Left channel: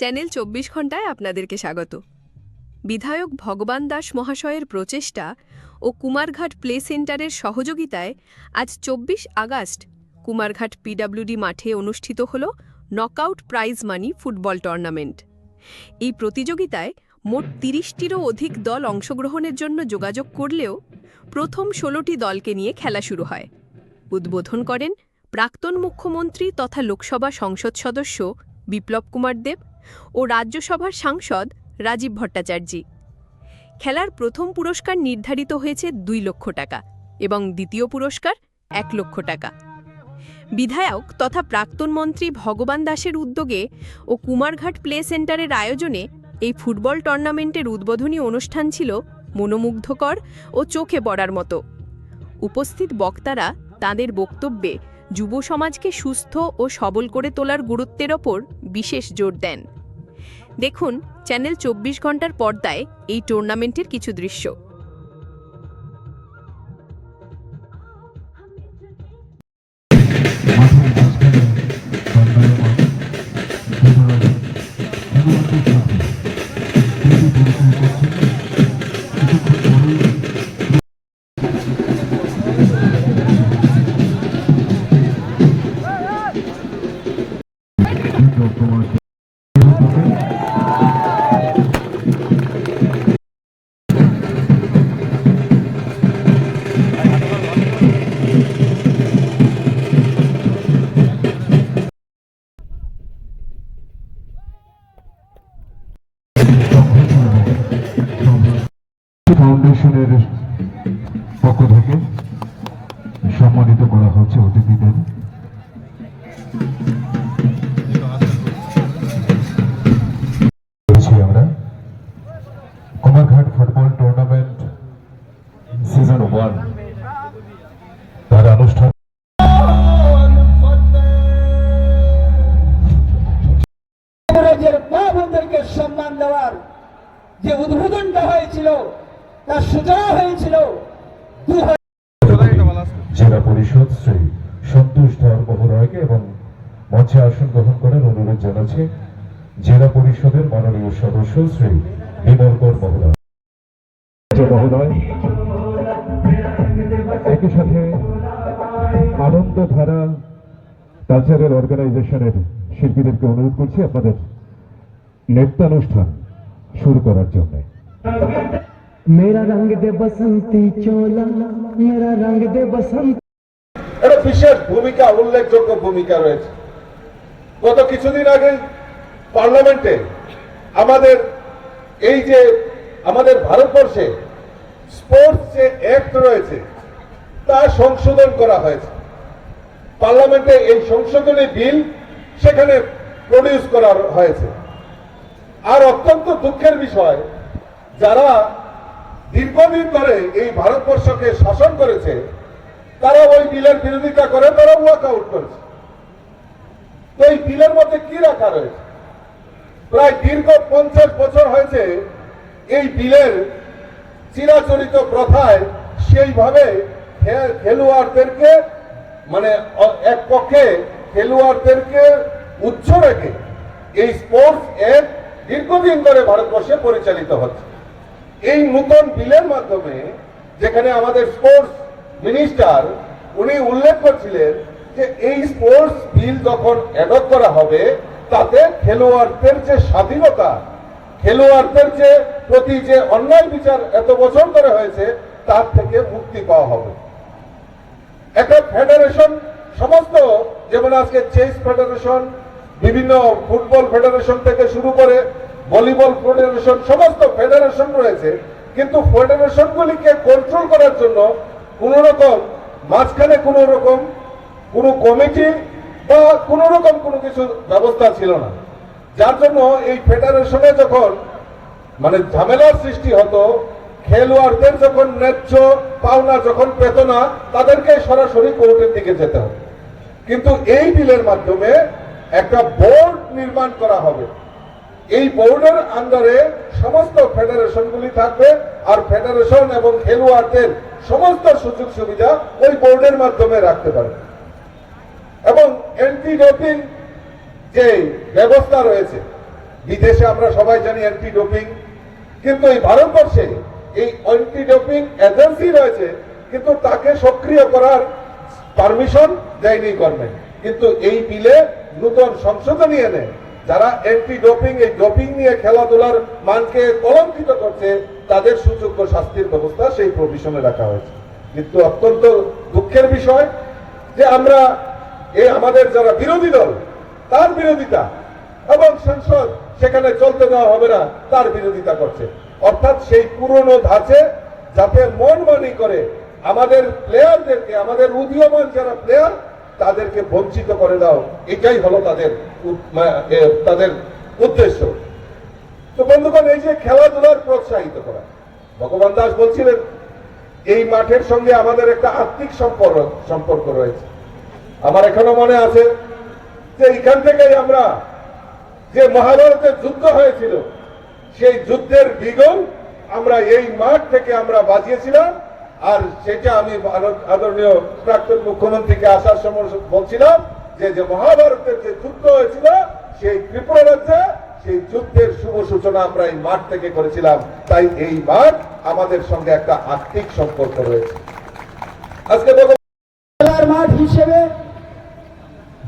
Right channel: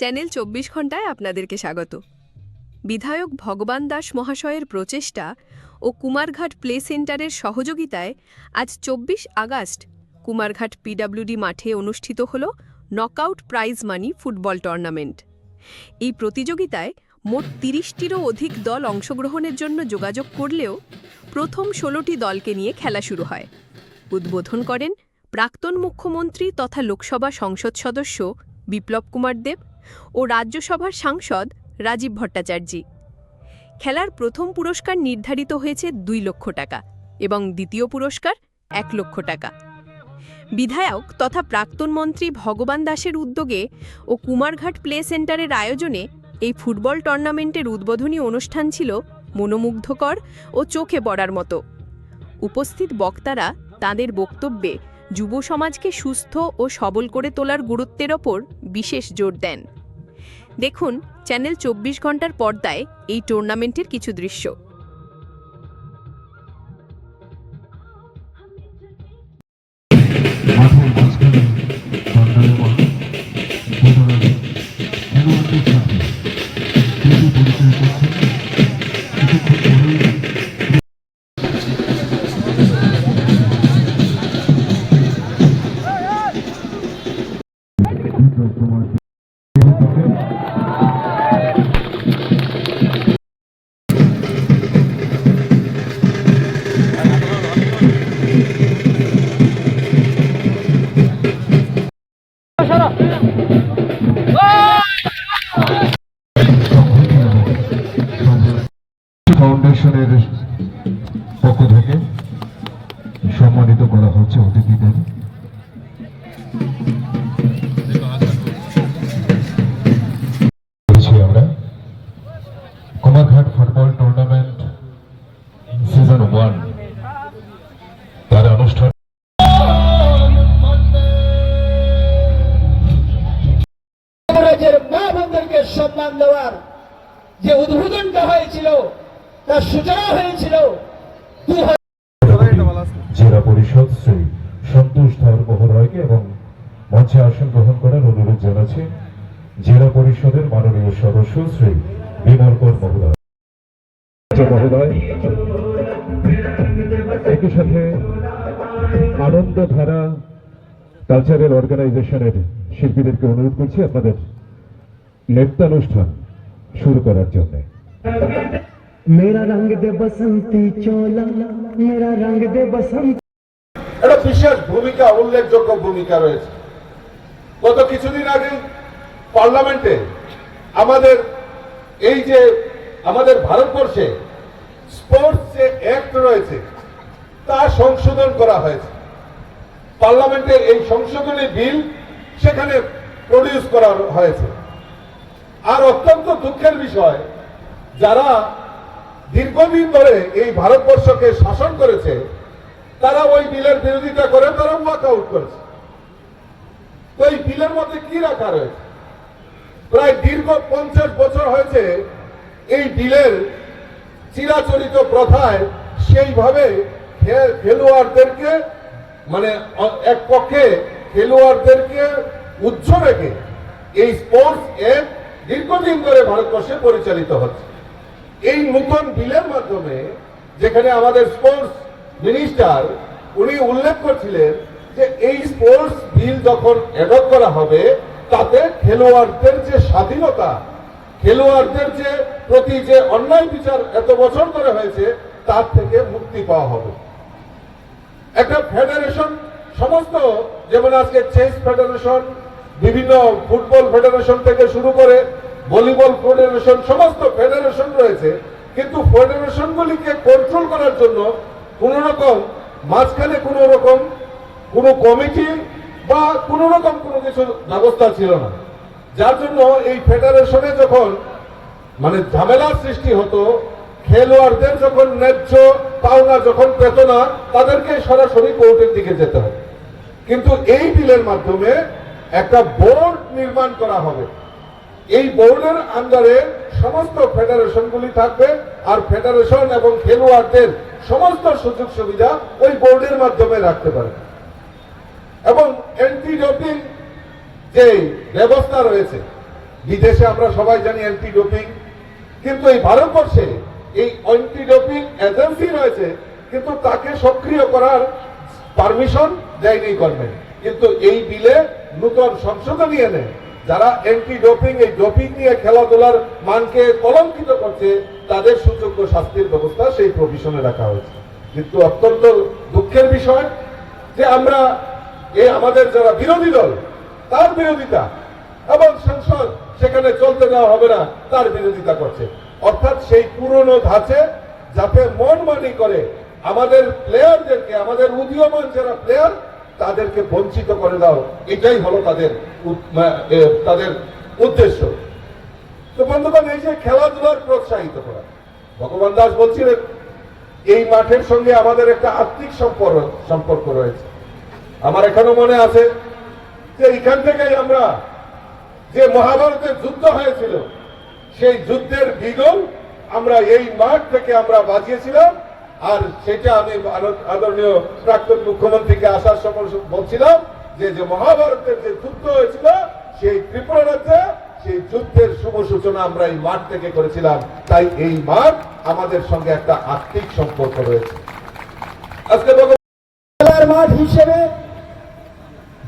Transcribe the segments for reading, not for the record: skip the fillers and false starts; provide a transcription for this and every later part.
Channel ২৪ ঘণ্টায় আপনাদেরকে স্বাগত। বিধায়ক ভগবান দাস মহাশয়ের প্রচেষ্টা ও কুমারঘাট প্লে সেন্টারের সহযোগিতায় আজ ২৪ আগস্ট কুমারঘাট পিডব্লিউডি মাঠে অনুষ্ঠিত হল knockout prize money football tournament. এই প্রতিযোগিতায় মোট ৩০টিরও অধিক দল অংশগ্রহণের জন্য যোগাযোগ করলেও প্রথম ১৬টি দলকে নিয়ে খেলা শুরু হয়। উদ্বোধন করেন প্রাক্তন মুখ্যমন্ত্রী তথা লোকসভা সংসদ সদস্য বিপ্লব কুমার দেব ও রাজ্যসভার সাংসদ রাজীব ভট্টাচার্য। খেলার প্রথম পুরস্কার নির্ধারিত হয়েছে ২ লক্ষ টাকা এবং দ্বিতীয় পুরস্কার ১ লক্ষ টাকা। বিধায়ক তথা প্রাক্তন মন্ত্রী ভগবান দাসের উদ্যোগে ও কুমারঘাট প্লে সেন্টারের আয়োজনে এই ফুটবল টুর্নামেন্টের উদ্বোধনী অনুষ্ঠান ছিল মনোমুগ্ধকর ও চোখে পড়ার মতো। উপস্থিত বক্তারা তাঁদের বক্তব্যে যুব সমাজকে সুস্থ ও সবল করে তোলার গুরুত্বের ওপর বিশেষ জোর দেন। দেখুন চ্যানেল ২৪ ঘণ্টার পর্দায় এই টুর্নামেন্টের কিছু দৃশ্য। ফাউন্ডেশনের পক্ষ থেকে সম্মানিত করা হচ্ছে অতিথিদের। আমরা কুমারঘাট ফুটবল টুর্নামেন্ট সিজন 1 তার অনুষ্ঠান মা বোনদেরকে সম্মান দেওয়ার যে উদ্বোধনটা হয়েছিল তার সূচনা হয়েছিল জেলা পরিষদ শ্রী সন্তোষ ধর মহোদয়কে এবং মঞ্চে আসন গ্রহণ করার অনুরোধ জানাচ্ছে জেলা পরিষদের মাননীয় সদস্য শ্রী বিমল কর মহোদয়। একই সাথে আনন্দধারা কালচারাল অর্গানাইজেশনের শিল্পীদেরকে অনুরোধ করছি আপনাদের নৃত্যানুষ্ঠান শুরু করার জন্য। मेरा रंग दे बसंती चोला मेरा रंग दे बसंती। একটা বিশেষ ভূমিকা, উল্লেখযোগ্য ভূমিকা রয়েছে। গত কিছুদিন আগে পার্লামেন্টে আমাদের এই যে আমাদের ভারতবর্ষে স্পোর্টস যে অ্যাক্ট রয়েছে তা সংশোধন করা হয়েছে। পার্লামেন্টে এই সংশোধনী বিল সেখানে প্রডিউস করা হয়েছে। আর অত্যন্ত দুঃখের বিষয়, যারা দীর্ঘদিন ধরে এই ভারতবর্ষকে শাসন করেছে তারা ওই বিলের বিরোধিতা করে তারা ওয়াক আউট করেছে। তো এই বিলের মধ্যে কি রাখা রয়েছে? প্রায় দীর্ঘ 50 বছর হয়েছে এই বিলের চিরাচরিত প্রথায় সেইভাবে খেলোয়াড়দেরকে মানে এক পক্ষে খেলোয়াড়দেরকে উচ্চ রেখে এই স্পোর্টস অ্যাক্ট দীর্ঘদিন ধরে ভারতবর্ষে পরিচালিত হচ্ছে। এই নতুন বিলের মাধ্যমে যেখানে আমাদের স্পোর্টস মিনিস্টার উনি উল্লেখ করছিলেন যে এই স্পোর্টস বিল যখন অ্যাডপ্ট করা হবে তাতে খেলোয়াড়দের যে স্বাধীনতা, খেলোয়াড়দের যে প্রতি যে অন্যায় বিচার এত বছর ধরে হয়েছে তার থেকে মুক্তি পাওয়া হবে। একটা ফেডারেশন সমস্ত, যেমন আজকে চেস ফেডারেশন, বিভিন্ন ফুটবল ফেডারেশন থেকে শুরু করে ভলিবল ফেডারেশন, সমস্ত ফেডারেশন রয়েছে, কিন্তু ফেডারেশনগুলিকে কন্ট্রোল করার জন্য কোন রকম মাঝখানে কোন রকম কোন কমিটি বা কোন রকম কোনো কিছু ব্যবস্থা ছিল না। যার জন্য এই ফেডারেশনে যখন মানে ঝামেলার সৃষ্টি হতো, খেলোয়াড়দের যখন ন্যায্য পাওনা যখন পেত না তাদেরকে সরাসরি কোর্টের দিকে যেতে হবে। কিন্তু এই বিলের মাধ্যমে একটা বোর্ড নির্মাণ করা হবে। এই বোর্ডের আন্ডারে সমস্ত ফেডারেশনগুলি থাকবে আর ফেডারেশন এবং খেলোয়াড়দের সমস্ত সুযোগ সুবিধা ওই বোর্ডের মাধ্যমে রাখতে পারবে। এবং অ্যান্টি ডোপিং যে ব্যবস্থা রয়েছে বিদেশে আমরা সবাই জানি অ্যান্টি ডোপিং, কিন্তু এই ভারতবর্ষে এই অ্যান্টি ডোপিং এজেন্সি রয়েছে, কিন্তু তাকে সক্রিয় করার পারমিশন দেয়নি গভর্নমেন্ট। কিন্তু এই বিলে নতুন সংশোধনী এনে যারা অ্যান্টি ডোপিং, এই ডোপিং নিয়ে খেলাধুলার মানকে কলঙ্কিত করছে, তাদের সুযোগ্য শাস্তির ব্যবস্থা সেই প্রভিশনে রাখা হয়েছে। কিন্তু অত্যন্ত দুঃখের বিষয় যে আমরা আমাদের যারা বিরোধী দল তার বিরোধিতা, এবং সংসদ সেখানে চলতে দেওয়া হবে না তার বিরোধিতা করছে। অর্থাৎ সেই পুরনো ধাঁচে যাতে মন মানি করে আমাদের প্লেয়ারদেরকে, আমাদের উদীয়মান যারা প্লেয়ার তাদেরকে বঞ্চিত করে দাও, এটাই হলো তাদের উদ্দেশ্য। তো বন্ধুগণ, এই যে খেলাধুলার প্রোৎসাহিত করা, ভগবান দাস বলছিলেন এই মাঠের সঙ্গে আমাদের একটা আত্মিক সম্পর্ক রয়েছে। আমার এখনো মনে আছে যে এখান থেকেই আমরা, যে মহাভারতের যুদ্ধ হয়েছিল সেই যুদ্ধের বিগল আমরা এই মাঠ থেকে আমরা বাজিয়েছিলাম। আর সেটা আমি আদরণীয় প্রাক্তন মুখ্যমন্ত্রীকে আসার সময় বলছিলাম যে মহাভারতের যে যুদ্ধ হয়েছিল সেই ত্রিপুরা রাজ্যে, সেই যুদ্ধের শুভ সূচনা আমরা এই মাঠ থেকে করেছিলাম। তাই এই মাঠ আমাদের সঙ্গে একটা আর্থিক সম্পর্ক রয়েছে। আজকে খেলার মাঠ হিসেবে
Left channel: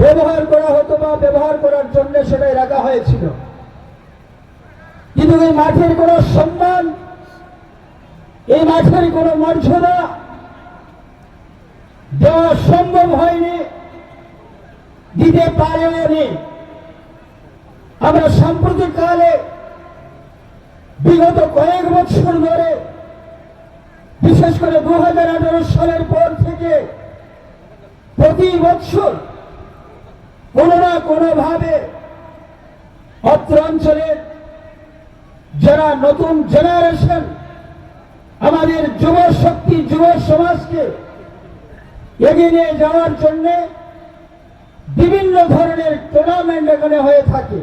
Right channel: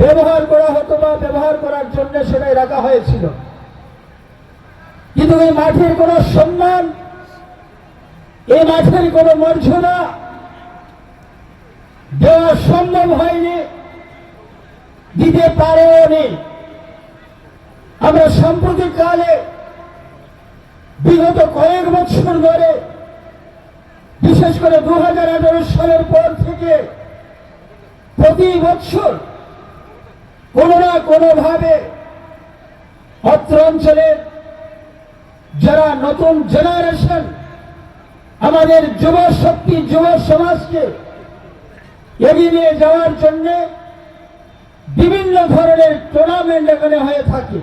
ব্যবহার করা হতো বা ব্যবহার করার জন্য সেটাই রাখা হয়েছিল, কিন্তু এই মাঠের কোনো সম্মান, এই মাঠের কোনো মর্যাদা দেওয়া সম্ভব হয়নি, দিতে পারেও নি। আমরা সাম্প্রতিককালে বিগত কয়েক বছর ধরে, বিশেষ করে 2018 সালের পর থেকে প্রতি বছর কোনো না কোনোভাবে অত্র অঞ্চলের যারা নতুন জেনারেশন, আমাদের যুব শক্তি, যুব সমাজকে এগিয়ে নিয়ে যাওয়ার জন্য বিভিন্ন ধরনের টুর্নামেন্ট এখানে হয়ে থাকে।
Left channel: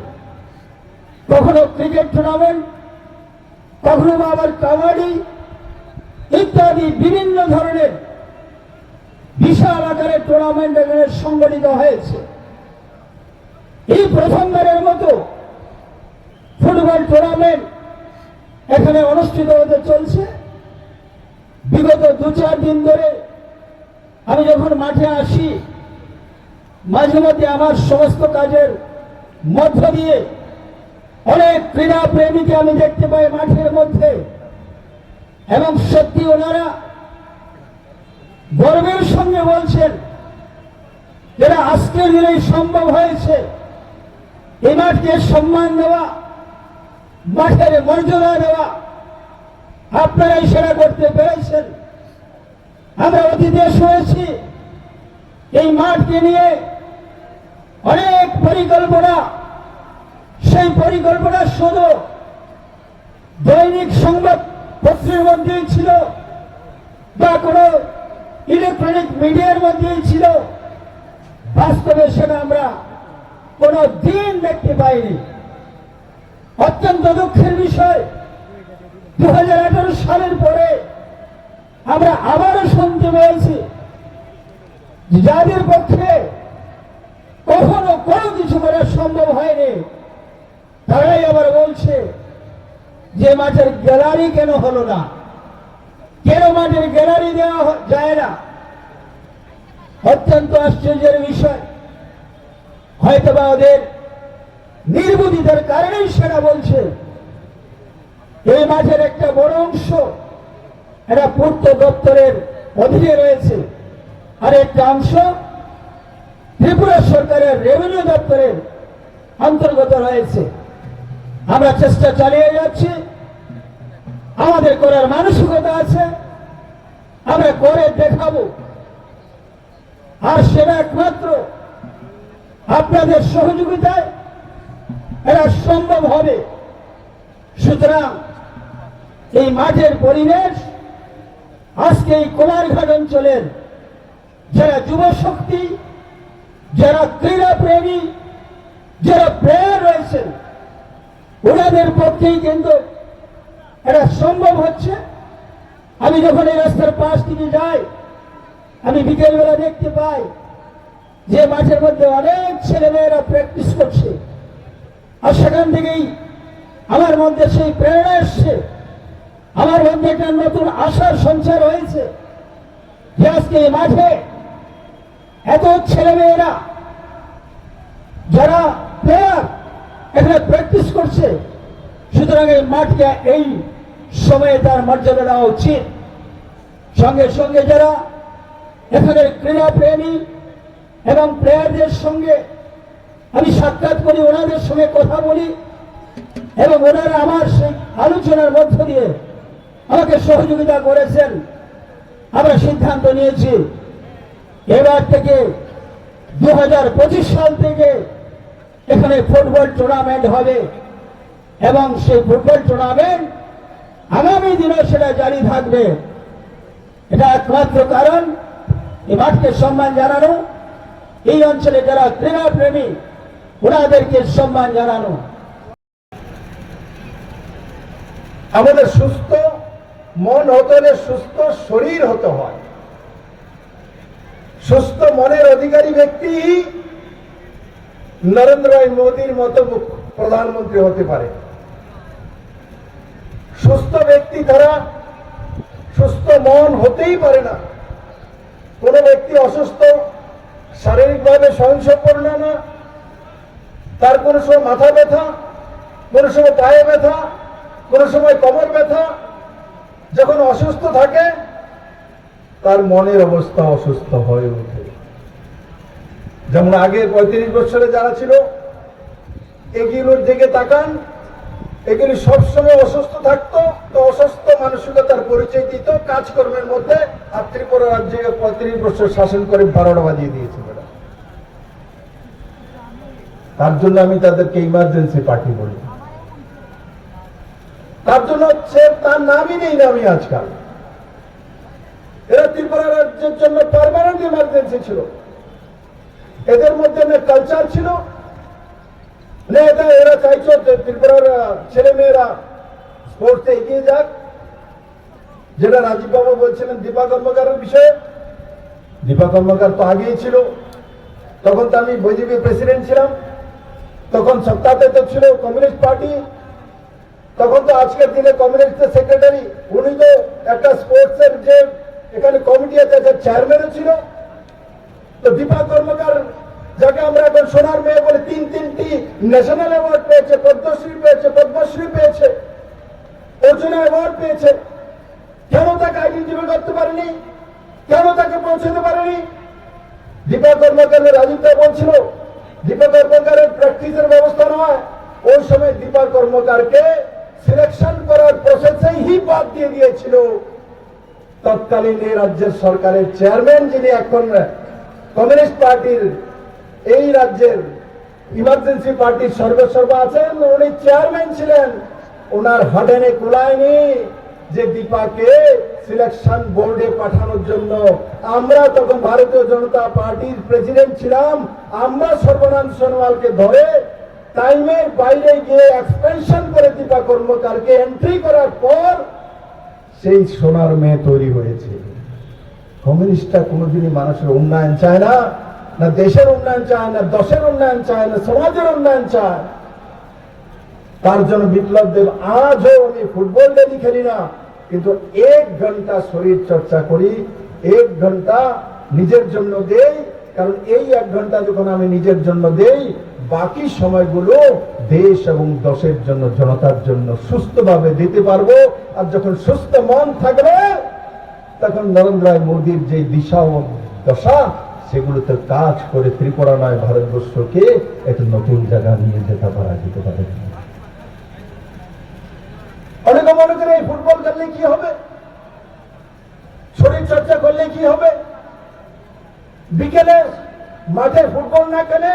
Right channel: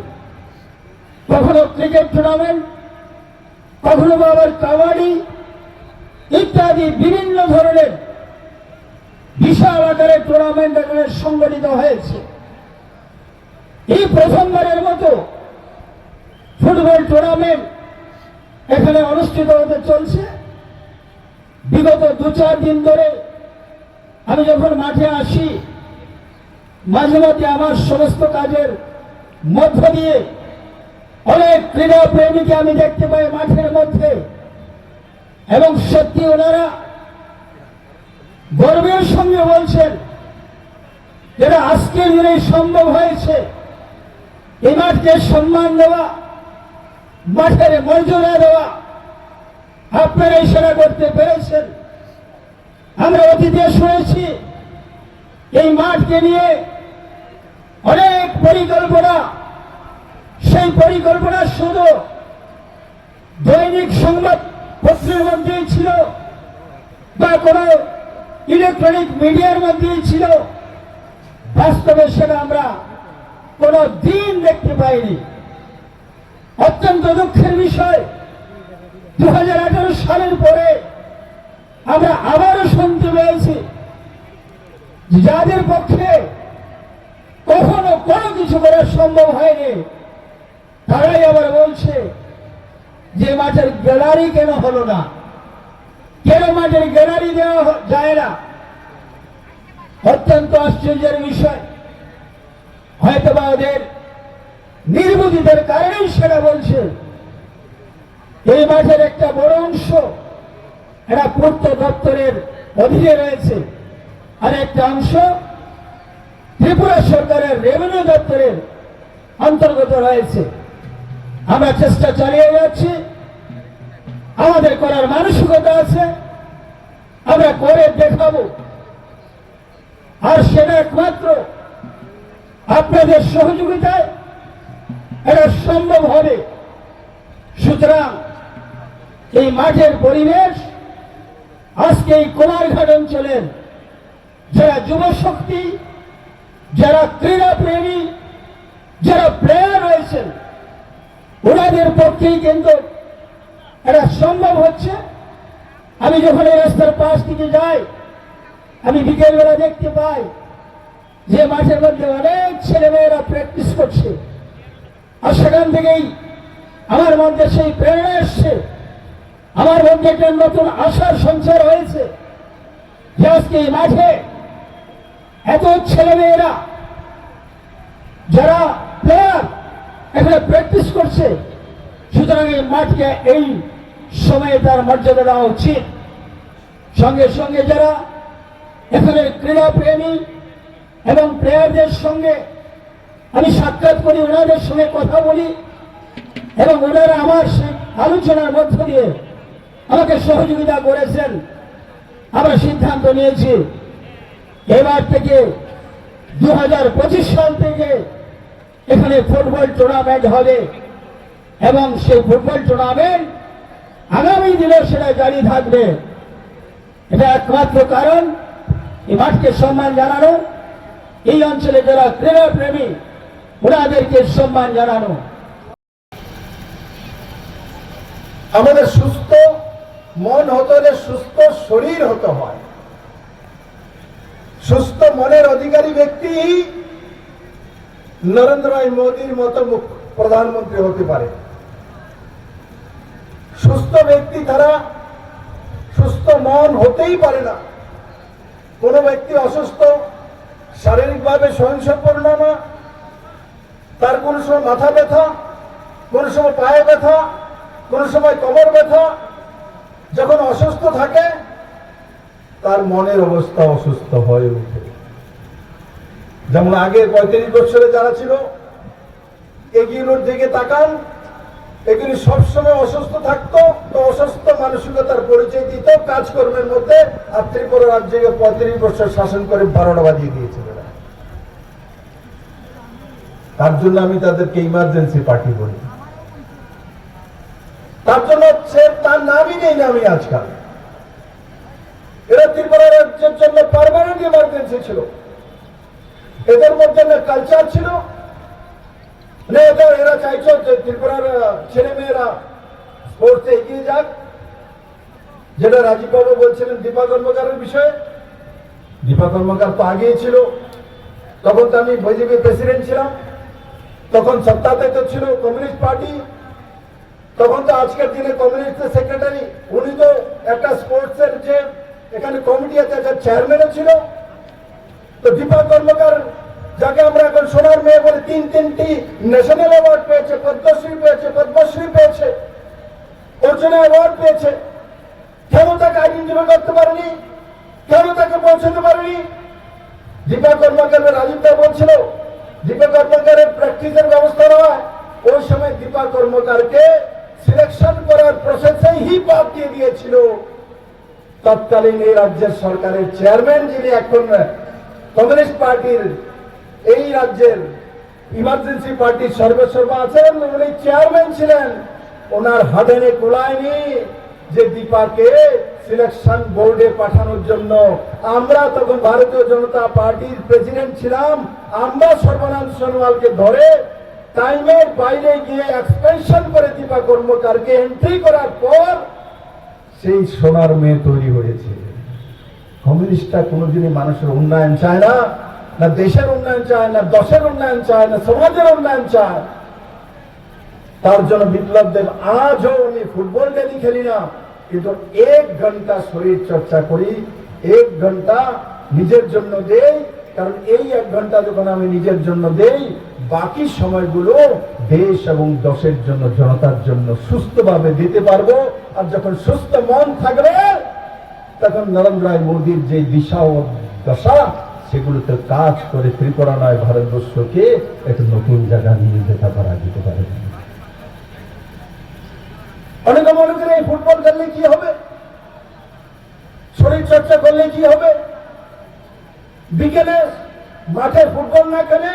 কখনো ক্রিকেট টুর্নামেন্ট, কখনো আবার কাবাডি ইত্যাদি বিভিন্ন ধরনের বিশাল আকারের টুর্নামেন্ট এখানে সংগঠিত হয়েছে। এই প্রথমবারের মতো ফুটবল টুর্নামেন্ট এখানে অনুষ্ঠিত হতে চলছে। বিগত 2-4 দিন ধরে আমি যখন মাঠে আসি, মাঝে মধ্যে আমার সমস্ত কাজের মধ্য দিয়ে অনেক ক্রীড়া প্রেমীকে আমি দেখতে পাই মাঠের মধ্যে, এবং সত্যি ওনারা গর্বের সঙ্গে বলছেন যেটা আজকের দিনে সম্ভব হয়েছে। এই মাঠকে সম্মান দেওয়া, মাঠের মর্যাদা দেওয়া, আপনারাই সেটা করতে পেরেছেন। আমরা অতীতে শুনেছি এই মাঠকে নিয়ে অনেক পরিকল্পনা, সেই পরিকল্পনা শুধু দৈনিক সংবাদ পত্রের মধ্যেই ছিল বা কোনো ইলেকট্রনিক মিডিয়ার মধ্যেই ছিল, বাস্তবে সেটা আমরা কোনো দিন দেখতে পাইনি। অত্যন্ত দুঃখের বিষয়, 2018 সালের পরে আমরা আবারও শুনতে পেয়েছি যাদের পক্ষে কখনো কোনো কিছু করা সম্ভব হয়নি, তারাই আবার বলছে যে মাঠের গ্যালারি কেন হলো না, কেন মাঠের গ্যালারি দেওয়া যায় না। অত্যন্ত আশ্চর্যের বিষয়, হয়তোবা ওদের নির্বুদ্ধিতার কারণেই সেটা বলছে। এই মাঠের একটা বড় অংশ এটা পূর্ত দপ্তরের অধীনে রয়েছে, আর একটা অংশ ত্রিপুরা সরকারের রেভিনিউ দপ্তরের অন্তর্গত রয়েছে। আমরা চেষ্টা চালিয়ে যাচ্ছি, আমাদের করার মানসিকতা আছে, আমরা করে দেখাবো, আর সেটা একমাত্র আপনাদের সহযোগিতায় এটা সম্ভব হবে। সুতরাং এই মাঠের পরিবেশ আজকে এই কুমারঘাট অঞ্চলের যারা যুব শক্তি, যারা ক্রীড়া প্রেমী, যারা প্লেয়ার রয়েছেন, ওনাদের পক্ষেই কিন্তু এটা সম্ভব হচ্ছে। আমি যখন এই রাস্তার পাশ থেকে যাই, আমি বিকেলবেলা দেখতে পাই যে মাঠের মধ্যে অনেক ছেলেমেয়েরা প্র্যাকটিস করছে, আর সেখান থেকেই আমার মধ্যে সেই প্রেরণা এসছে, আমার মধ্যে একটা নতুন আশার সঞ্চার হয়েছে যে আজকে এই মাঠে এত ছেলেমেয়েরা যারা প্লেয়ার এখানে প্র্যাকটিস করছে, সুতরাং এই মাঠকে এই সময়ে তার মর্যাদা দেওয়া উচিত। সঙ্গে সঙ্গে যারা এখানে ক্রীড়া প্রেমী এবং প্লেয়ারদের সঙ্গে আমি সাক্ষাৎ করি, ওনাদের সঙ্গে কথা বলি এবং ওনারা আমার সেই আলোচনার মধ্য দিয়ে আমাকে সহযোগিতা করেছেন। আমরা সিদ্ধান্ত নিয়েছি এবার থেকে 2025 সাল থেকে এখানে ফুটবল টুর্নামেন্ট হবে এবং সেই ফুটবল টুর্নামেন্ট আগামী দিনে সেটা জারি থাকবে। এটা একমাত্র কারণ এই মাঠকে সম্মান জানানো, এই অঞ্চলে যারা ক্রীড়া প্রেমী ওনাদেরকে সম্মান জানানো। আমাদের সুস্থ মন হতে হলে সুস্থ শরীর হতে হয়। সুস্থ মনের অধিকারী ব্যক্তি নরেন্দ্র মোদীর মতো প্রধানমন্ত্রী হতে পারে। সুস্থ ব্যক্তি ছাড়া সুস্থ মন হতেই পারে না। কোন ব্যক্তি অসুস্থ, শারীরিকভাবে সহিংসপূর্ণ না, তার কোন সময় মাথা ব্যথা, কোন সময় পায়ে ব্যথা, কোন সময় কোমর ব্যথা, যখন অসুস্থ থাকে তার মনের অবস্থা অসুস্থ হয়ে ওঠে। যেমন আগে 35 বছরে যারা ছিল এগুলোর দিকে তাকান, এগুলি সবসময় অসুস্থ থাকতো, তো অসুস্থ মানসিকতার পরিচয় দিত কাজকর্মের মধ্যে। আর ত্রিপুরা রাজ্যে 35 বছর শাসন করে 12টা বাজিয়ে দিয়েছে। তার জন্য আমি তাদেরকে ইমার্জেন্সি পার্টি বলি। তার জন্য তার নামই নেই না আমি আজকাল। এরা ত্রিপুরা রাজ্যের জন্য পার্মানেন্ট ইমার্জেন্সি ছিল। এদের মধ্যে না কালচার ছিল না, এটা এরা চাইছে যে ত্রিপুরার ছেলে মেয়েরা স্পোর্টসে এগিয়ে যাক। যেটা রাজীব বাবু বলছিলেন দীপা কর্মকারের বিষয়ে, দীপা কর্মকার তো আগেই ছিল, তখন তো আমি বিজেপি প্রেসিডেন্ট ছিলাম, তখন সত্তাতে তো ছিল কমিউনিস্ট পার্টি, তখন তো আজকের দিনে কমিউনিস্টের সেক্রেটারি, উনি তো একটা স্পোর্টসের যে এখানে কমিটি আছে চেয়ারম্যানও ছিল। তো দীপা কর্মকার যাকে আমরা এখন সোনার মেয়ে বলে, 3টি ন্যাশনাল অ্যাওয়ার্ড পেয়েছে, পদ্মশ্রী পেয়েছে, অর্জুন অ্যাওয়ার্ড পেয়েছে। কেন তাকে আইডেন্টিফাই করতে পারেনি? কেন তাকে পৌঁছতে পারেনি? দীপা কর্মকার রাজীবদা বলছিল দীপা কর্মকারের প্র্যাকটিসের ব্যবস্থা নয়, ওই সময় দীপা কর্মকারকে সিলেকশন করার প্রসেসেই বাদ দিয়ে দিয়েছিল তৎকালীন এই রাজ্যের সরকারের চেয়ারম্যান, যিনি এখন কমিউনিস্ট পার্টির এই রাজ্যের ইমার্জেন্সি পার্টির সর্বেসর্বা আছেন, উনি চেয়ারম্যান ছিলেন। ওনার হাডেনে কুলায়নি যে দীপাকে সিলেকশন বোর্ডে পাঠানোর জন্য। আমরা তখন ভারতীয় জনতা পার্টির প্রেসিডেন্ট ছিলাম, আমরা সর্বানন্দ সোনোয়ালকে ধরে টাইমের বাইরে গিয়ে এক্সপেনশন করে দীপা কর্মকারকে এন্ট্রি করার পর সেই সোনার মেয়ে তৈরি হয়েছে। কমিউনিস্টরা কোনোদিনই মানুষের উন্নয়ন চায় না, না দেশের উন্নয়ন চায়, না দশের উন্নয়ন চায়, না সমাজের উন্নয়ন চায়। তার জন্য বিপ্লব দেব আজও আমি ফুটবল ডেলি খেলি না, কিন্তু 1 ঘন্টা শরীর চর্চা করি, 1 ঘন্টা নিজের জন্য দেই। কারণ এই 1 ঘন্টা যখন আমি নিজের জন্য দেই, বাকি সময়গুলো দেশ এবং দশের জন্য, জনতার জন্য সুস্থভাবে দিতে পারবো। আর যখন সুস্থ মন থাকবে, তখন নরেন্দ্র মোদীর যে দিশা ও দশা, সেগুলোতে কাজ করে ত্রিপুরা নয় ভারতবর্ষকে একটু নতুন জায়গা নিয়ে যেতে পারে। অনেকে মনে করে এই ফুটবল খেললে কি হবে, শরীর চর্চা করলে কি হবে, বিকেলে মাঠে ফুটবল না খেলে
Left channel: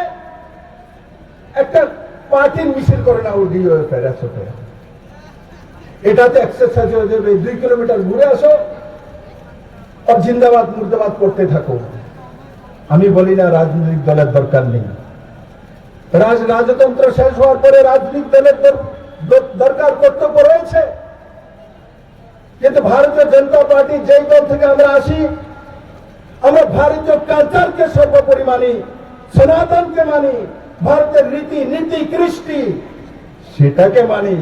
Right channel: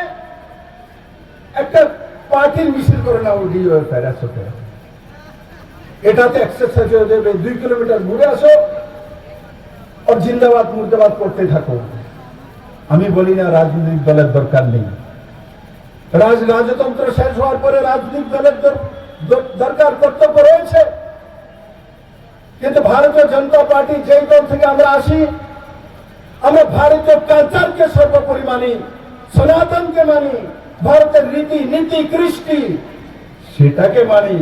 একটা পার্টির মিছিল করে না, ওই এটাতে এক্সারসাইজ হয়ে যাবে। 2 কিলোমিটার ঘুরে আসো আর জিন্দাবাদ মুর্দাবাদ করতে থাকো। আমি বলি না রাজনৈতিক দলের দরকার নেই, রাজতন্ত্র শেষ হওয়ার পরে রাজনৈতিক দলের দরকার কর্তব্য রয়েছে। কিন্তু ভারতীয় জনতা পার্টি যেই দল থেকে আমরা আসি, আমরা ভারতীয় কালচারকে সর্বোপরি মানি, সনাতনকে মানি, ভারতের রীতি নীতি কৃষ্টি সেটাকে মানি